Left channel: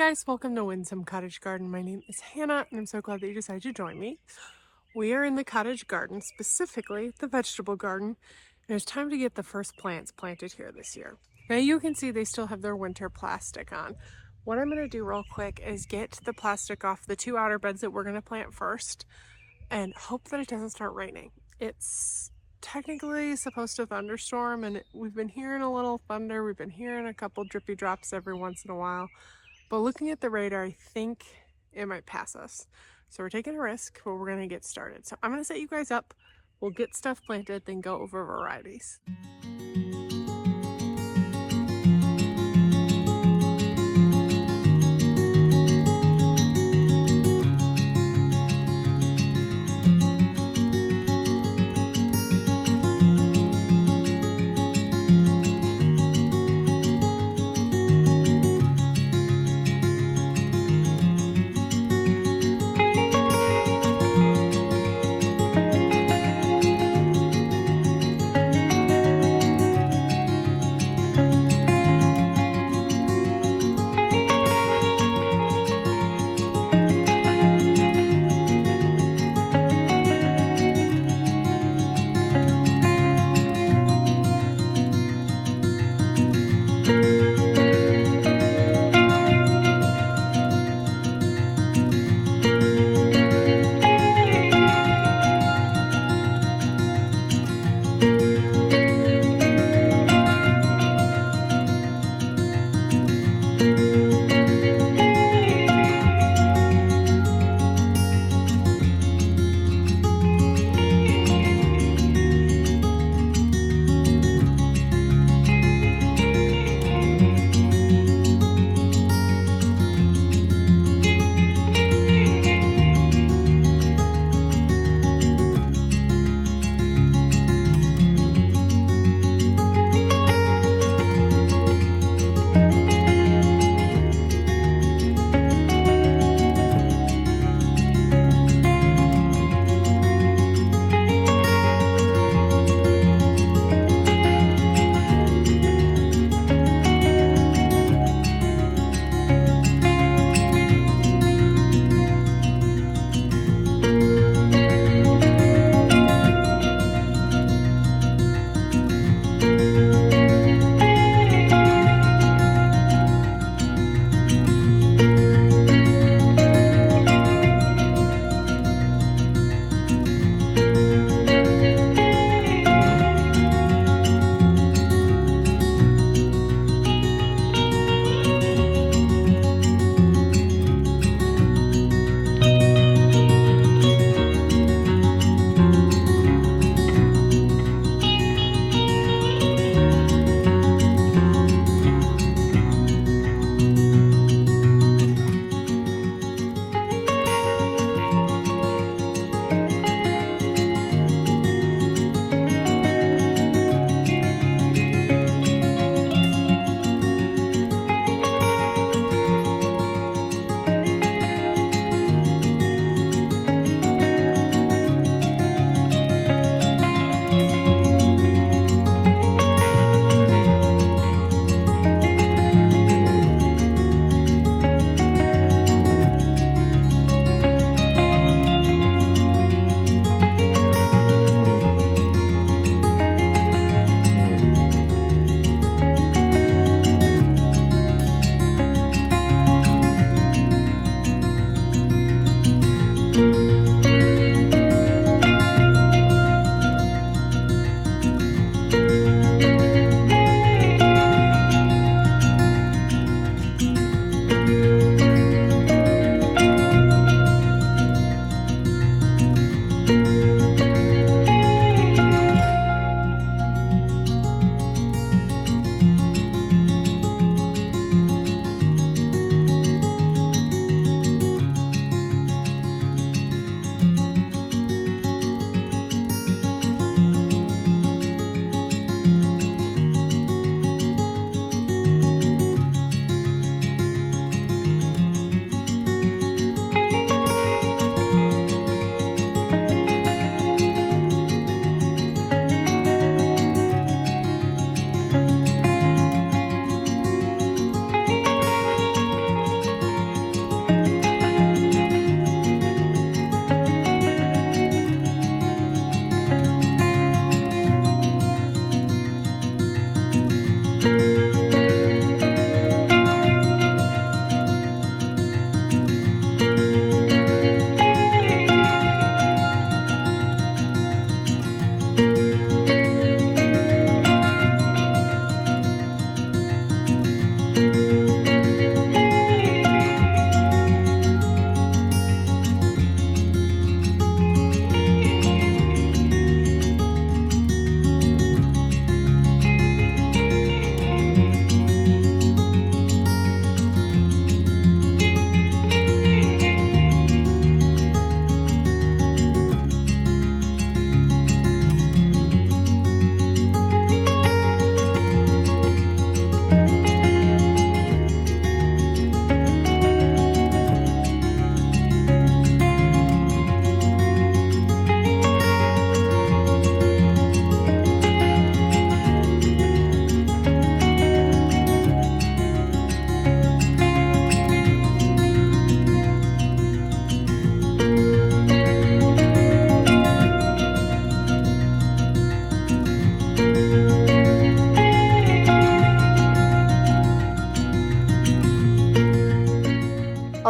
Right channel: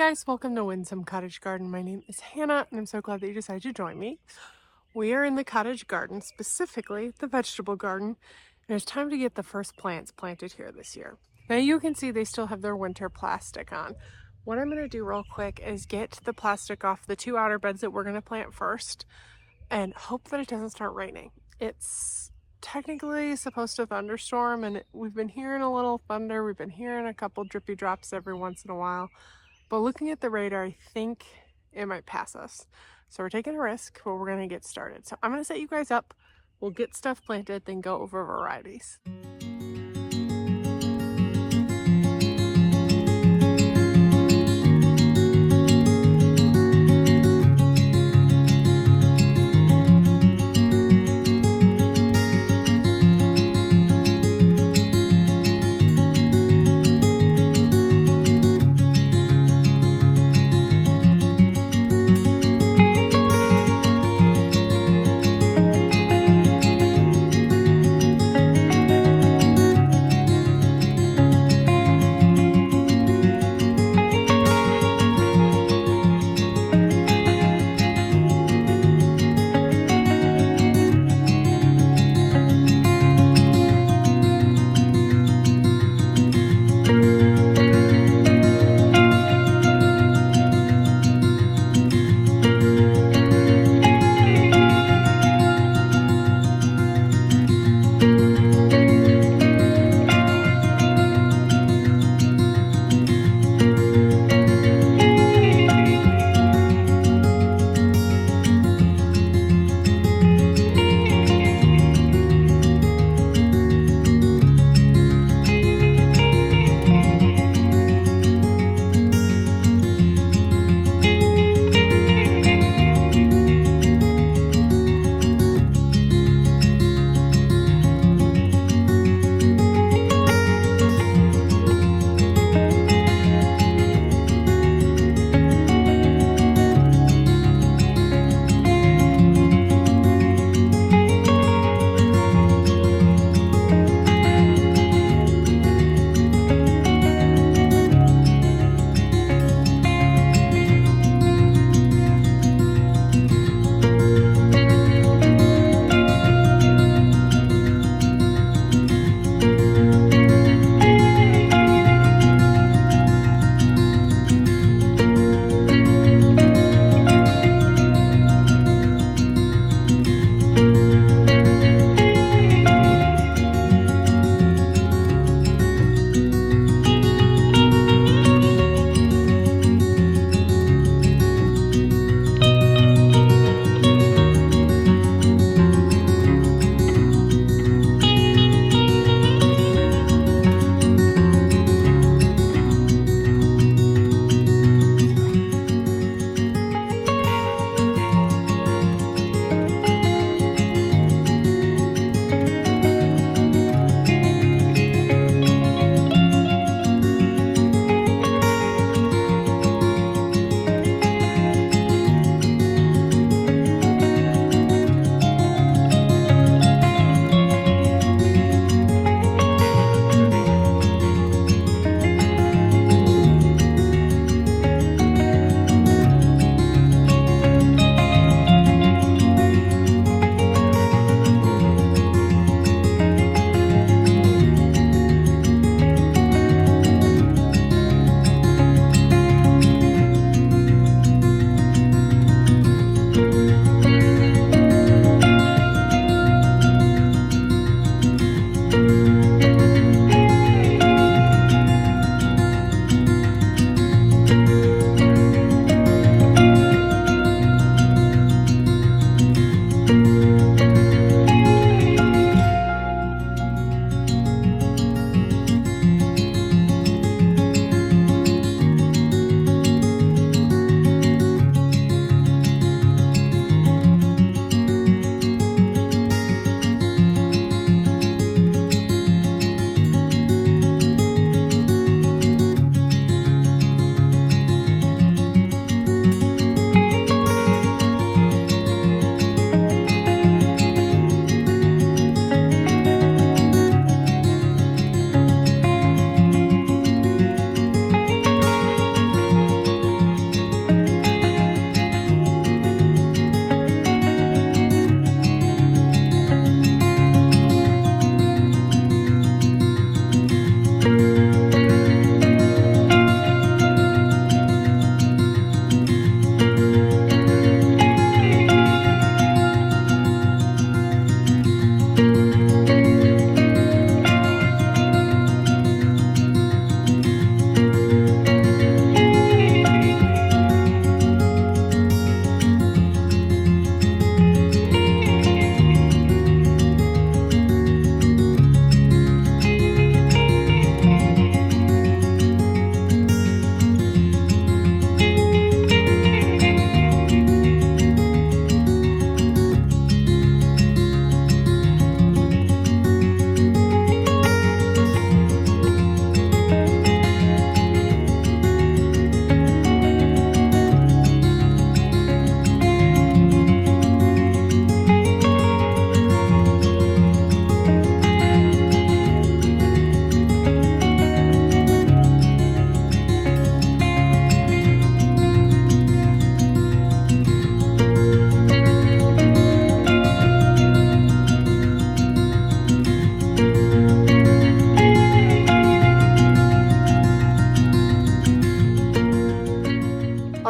guys, welcome to Windsome Cottage Garden. My name is Hannah and I'm so glad that you decided to join me. We are in the cottage garden, specifically the vegetable garden, and it's time to get the first plants planted here this year. Now you can see they still have their winter plastic on. What I'm going to do real quick is get the plastic off the two outer beds that we're going to plant first and hope that it doesn't start raining. It's technically supposed to thunderstorm and we've been hearing a little thunder. We've been hearing a couple drippy drops every once in a while. But looking at the radar, I think it might pass us. So we're taking a risk, but we're gonna get started. So I'm gonna set you guys up. We'll get stuff planted, then go over varieties.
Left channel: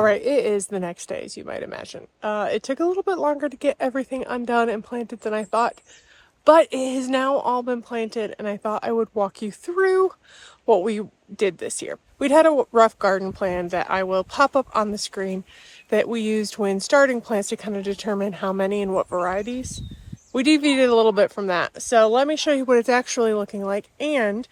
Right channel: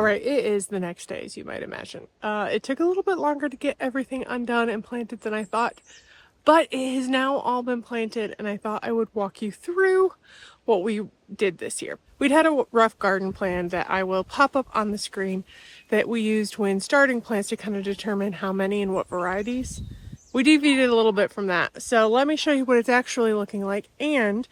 All right, it is the next day, as you might imagine. It took a little bit longer to get everything undone and planted than I thought, but it has now all been planted, and I thought I would walk you through what we did this year. We'd had a rough garden plan that I will pop up on the screen that we used when starting plants to kind of determine how many and what varieties. We deviated a little bit from that. So let me show you what it's actually looking like and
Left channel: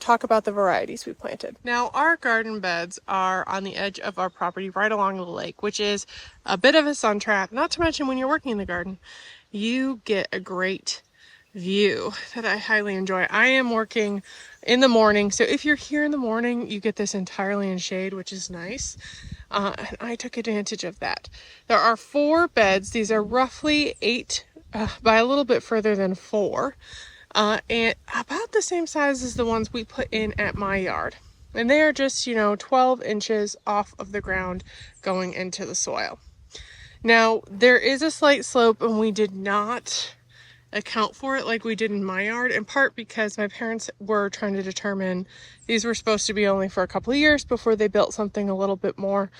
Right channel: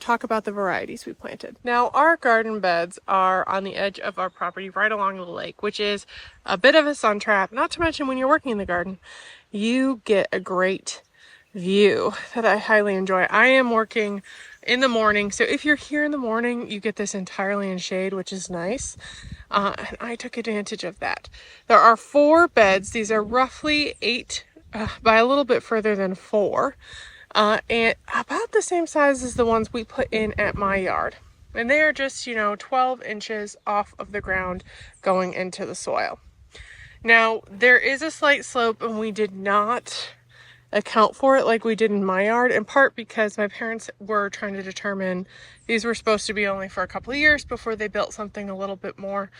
talk about the varieties we planted. Now, our garden beds are on the edge of our property right along the lake, which is a bit of a sun trap. Not to mention when you're working in the garden, you get a great view that I highly enjoy. I am working in the morning, so if you're here in the morning, you get this entirely in shade, which is nice. And I took advantage of that. There are 4 beds. These are roughly 8 by a little bit further than 4. And about the same size as the ones we put in at my yard. And they are just, 12 inches off of the ground going into the soil. Now, there is a slight slope, and we did not account for it like we did in my yard, in part because my parents were trying to determine these were supposed to be only for a couple of years before they built something a little bit more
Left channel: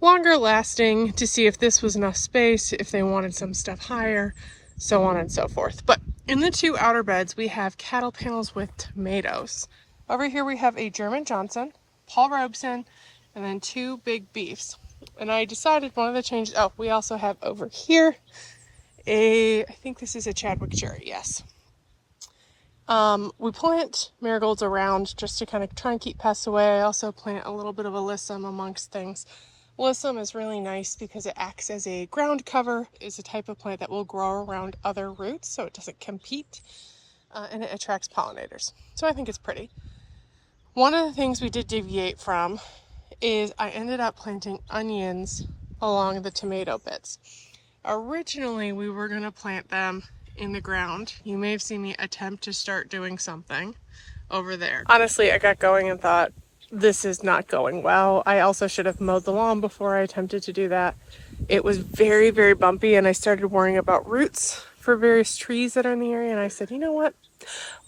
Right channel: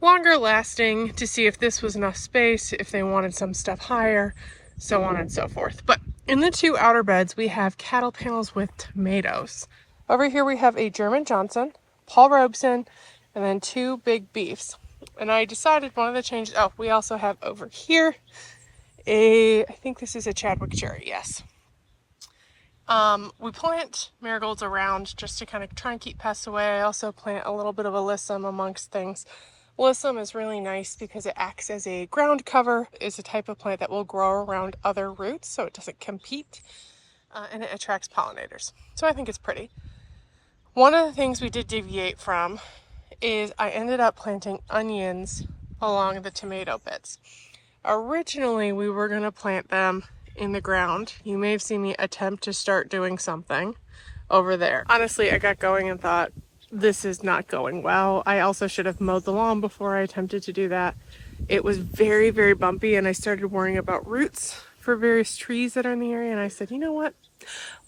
longer lasting to see if this was enough space, if they wanted some stuff higher, so on and so forth. But in the 2 outer beds, we have cattle panels with tomatoes. Over here we have a German Johnson, Paul Robeson, and then 2 big beefs. And I decided one of the changes, we also have over here I think this is a Chadwick cherry, yes. We plant marigolds around just to kind of try and keep pests away. I also plant a little bit of alyssum amongst things. Alyssum is really nice because it acts as a ground cover. It's a type of plant that will grow around other roots, so it doesn't compete, and it attracts pollinators. So I think it's pretty. One of the things we did deviate from is I ended up planting onions along the tomato beds. Originally, we were going to plant them in the ground. You may have seen me attempt to start doing something over there. Honestly, I got going and thought, this is not going well. I also should have mowed the lawn before I attempted to do that. It was very, very bumpy, and I started worrying about roots for various trees that are in the area, and I said, you know what?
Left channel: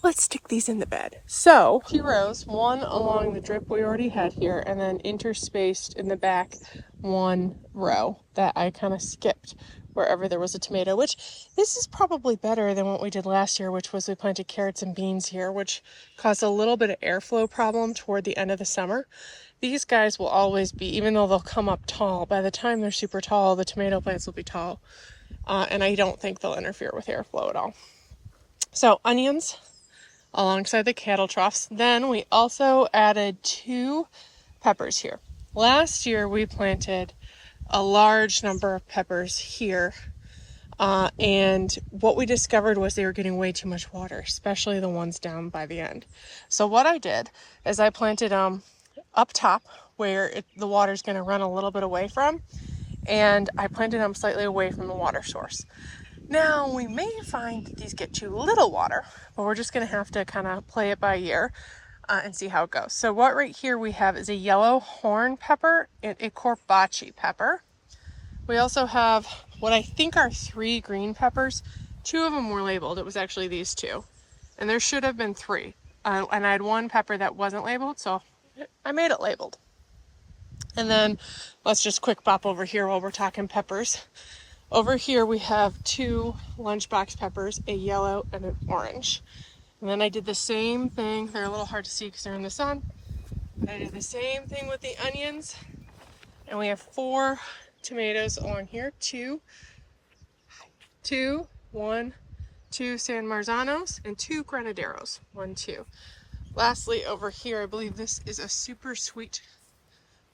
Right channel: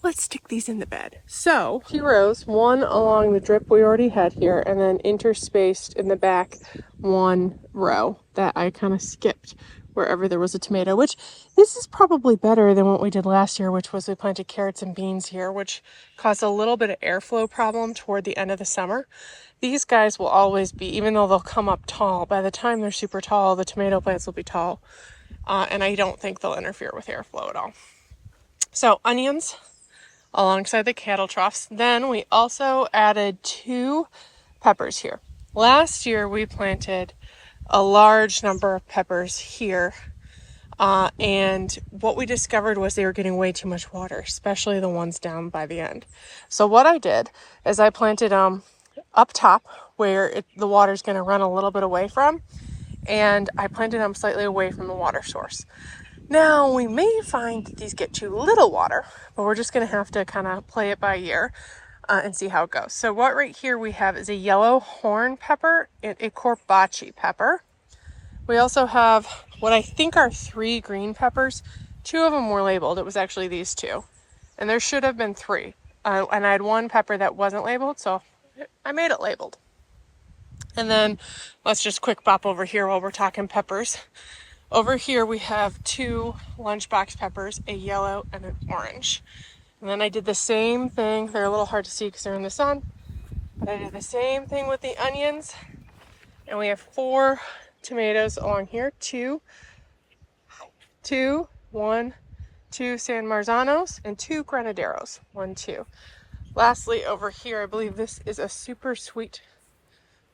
Let's stick these in the bed. So 2 rows, 1 along the drip we already had here, and then interspaced in the back 1 row that I kind of skipped wherever there was a tomato, which this is probably better than what we did last year, which was we planted carrots and beans here, which caused a little bit of airflow problem toward the end of the summer. These guys will always be, even though they'll come up tall, by the time they're super tall, the tomato plants will be tall. And I don't think they'll interfere with airflow at all. So onions alongside the cattle troughs. Then we also added 2 peppers here. Last year we planted a large number of peppers here, and what we discovered was they were getting way too much water, especially the ones down by the end. So what I did is I planted them up top where the water's going to run a little bit away from, and I planted them slightly away from the water source. Now, we may find that these get too little water, but we're just going to have to kind of play it by ear and see how it goes. So what right here we have is a yellow horn pepper and a corbaci pepper. We also have what I think are 3 green peppers. 2 of them were labeled. It was actually these 2. And there should have been 3. And I had 1 pepper that wasn't labeled, so I made it labeled. And then let's just quick pop over here while we're talking peppers. Over here we have 2 lunchbox peppers, a yellow and an orange. And then I did the same thing. They're a little hard to see because they're in the sun. But I did the same thing with the onions. And we have 4 tomatoes along here. 2 San Marzanos, and 2 Granaderos. 1, 2. Lastly, over here, I believe this is a super sweet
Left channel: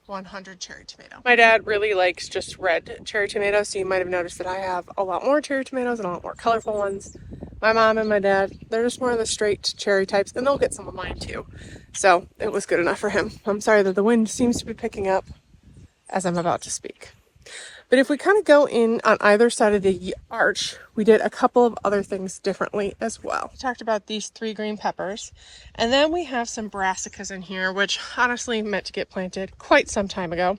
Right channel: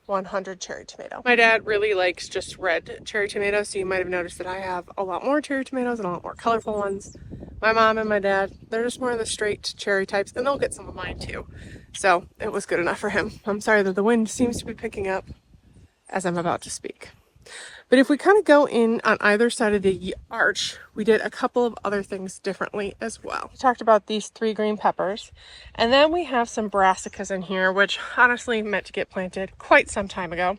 100 cherry tomato. My dad really likes just red cherry tomatoes, so you might have noticed that I have a lot more cherry tomatoes and a lot more colorful ones. My mom and my dad, they're just more of the straight cherry types, and they'll get some of mine too. So it was good enough for him. I'm sorry that the wind seems to be picking up as I'm about to speak. But if we kind of go in on either side of the arch, we did a couple of other things differently as well. We talked about these 3 green peppers, and then we have some brassicas in here, which honestly meant to get planted quite some time ago.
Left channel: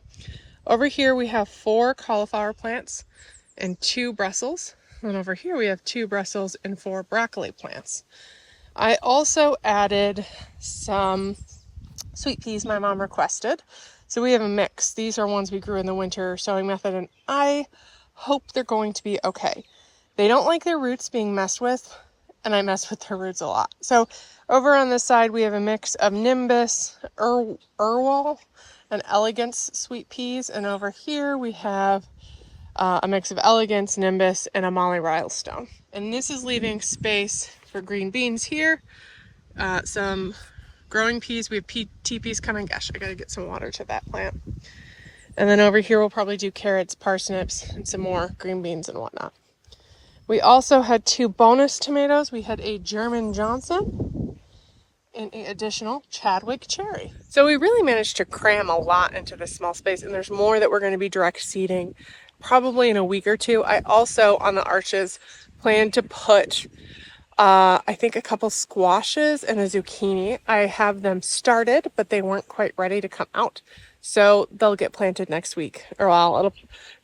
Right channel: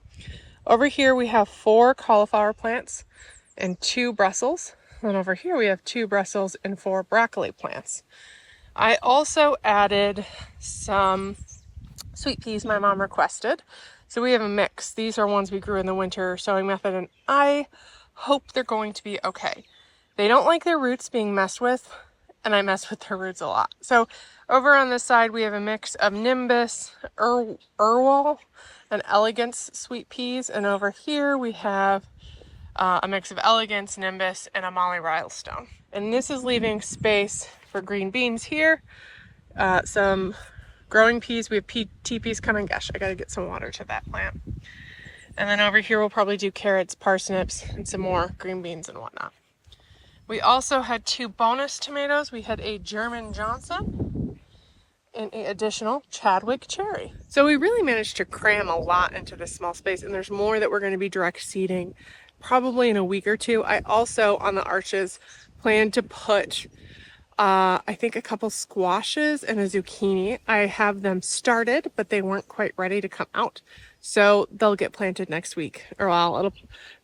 Over here we have 4 cauliflower plants and 2 Brussels. And over here we have 2 Brussels and 4 broccoli plants. I also added some sweet peas my mom requested. So we have a mix. These are ones we grew in the winter sowing method, and I hope they're going to be okay. They don't like their roots being messed with, and I mess with their roots a lot. So over on this side, we have a mix of Nimbus, Irwal, and Elegance sweet peas. And over here, we have a mix of Elegance, Nimbus, and a Molly Rylestone. And this is leaving space for green beans here. Some growing peas. We have tea peas coming. Gosh, I gotta get some water to that plant. And then over here, we'll probably do carrots, parsnips, and some more green beans and whatnot. We also had 2 bonus tomatoes. We had a German Johnson and an additional Chadwick cherry. So we really managed to cram a lot into this small space, and there's more that we're going to be direct seeding probably in a week or two. I also, on the arches, plan to put I think a couple squashes and a zucchini. I have them started, but they weren't quite ready to come out. So they'll get planted next week, or well,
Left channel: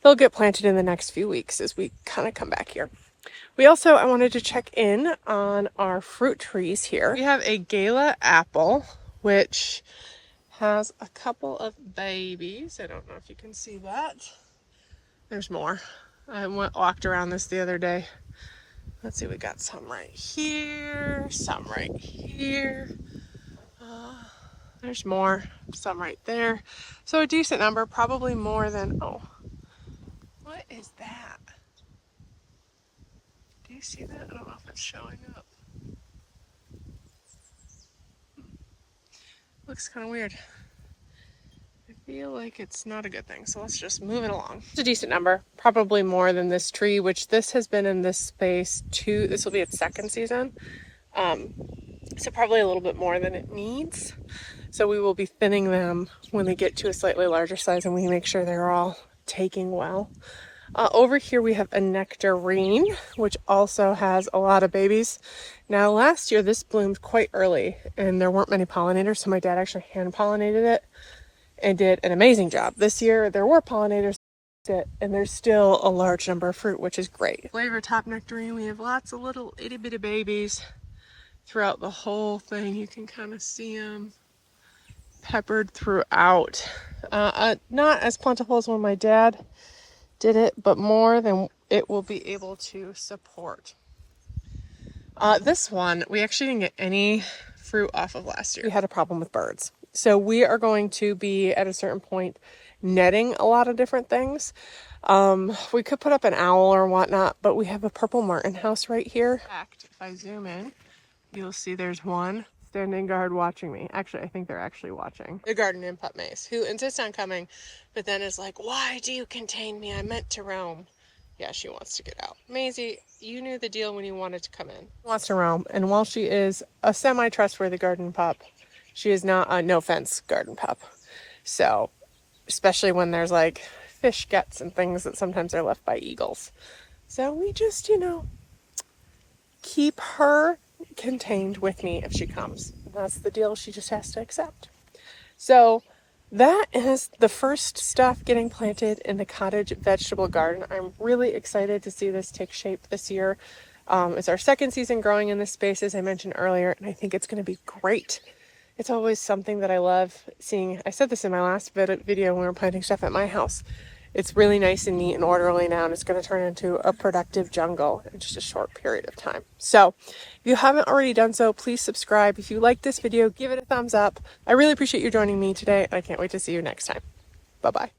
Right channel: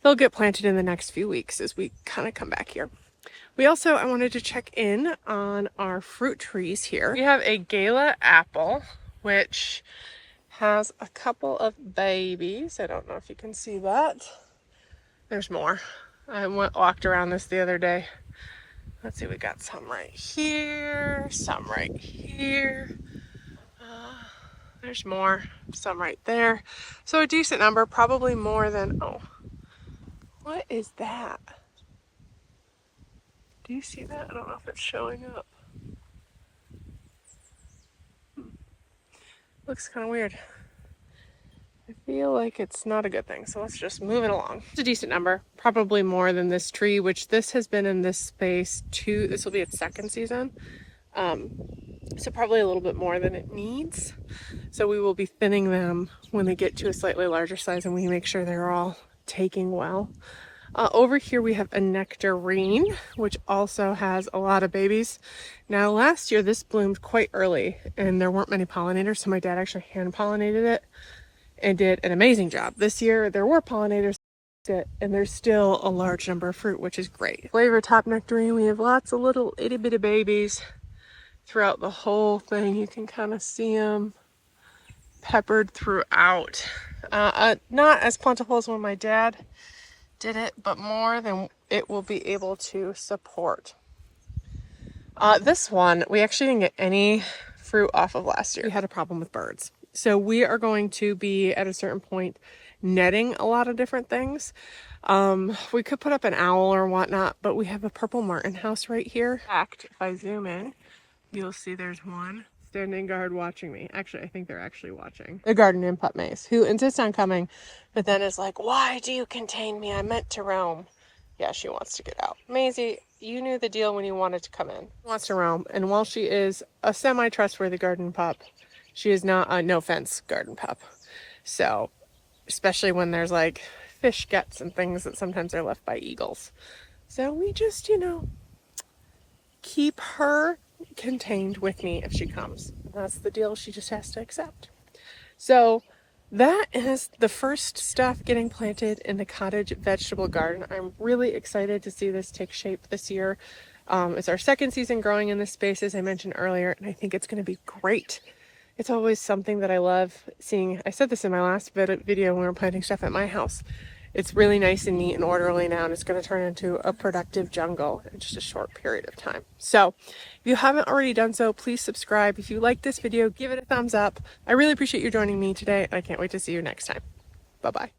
they'll get planted in the next few weeks as we kind of come back here. We also, I wanted to check in on our fruit trees here. We have a Gala apple, which has a couple of babies. I don't know if you can see that. There's more. I walked around this the other day. Let's see, we got some right here, some right here. There's more, some right there. So a decent number, probably more than, oh, what is that? Do you see that? I don't know if it's showing up. Looks kind of weird. I feel like it's not a good thing, so let's just move it along. It's a decent number, probably more than this tree, which this has been in this space this will be its 2nd season. So probably a little bit more than it needs. So we will be thinning them when they get to a slightly larger size, and we make sure they're all taking well. Over here we have a nectarine, which also has a lot of babies. Now last year this bloomed quite early and there weren't many pollinators, so my dad actually hand pollinated it and did an amazing job. This year there were pollinators and there's still a large number of fruit, which is great. Flavor top nectarine, we have lots of little itty bitty babies throughout the whole thing. You can kind of see them peppered throughout. Not as plentiful as when my dad did it, but more than it will be able to support. This one, we actually didn't get any fruit off of last year. We had a problem with birds. So we are going to be at a certain point netting a lot of different things. We could put up an owl or whatnot, but we have a purple martin house right here. In fact, if I zoom in, you'll see there's one standing guard watching me. Actually, I think they're actually watching. The garden in Pup Maze, who insists on coming, but then is like, why do you contain me? I meant to roam. Yeah, she wants to get out. Maisie, you knew the deal when you wanted to come in. She wants to roam, and while she is a semi-trustworthy garden pup, she is not a no-fence garden pup. So, especially when there's like fish guts and things that sometimes are left by eagles. So we just, keep her contained with me if she comes. That's the deal she just has to accept. So that is the first stuff getting planted in the cottage vegetable garden. I'm really excited to see this take shape this year. It's our 2nd season growing in this space, as I mentioned earlier, and I think it's going to be great. It's always something that I love seeing. I said this in my last video when we were planting stuff at my house. It's really nice and neat and orderly now, and it's going to turn into a productive jungle in just a short period of time. So if you haven't already done so, please subscribe. If you like this video, give it a thumbs up. I really appreciate you joining me today, and I can't wait to see you next time. Bye-bye.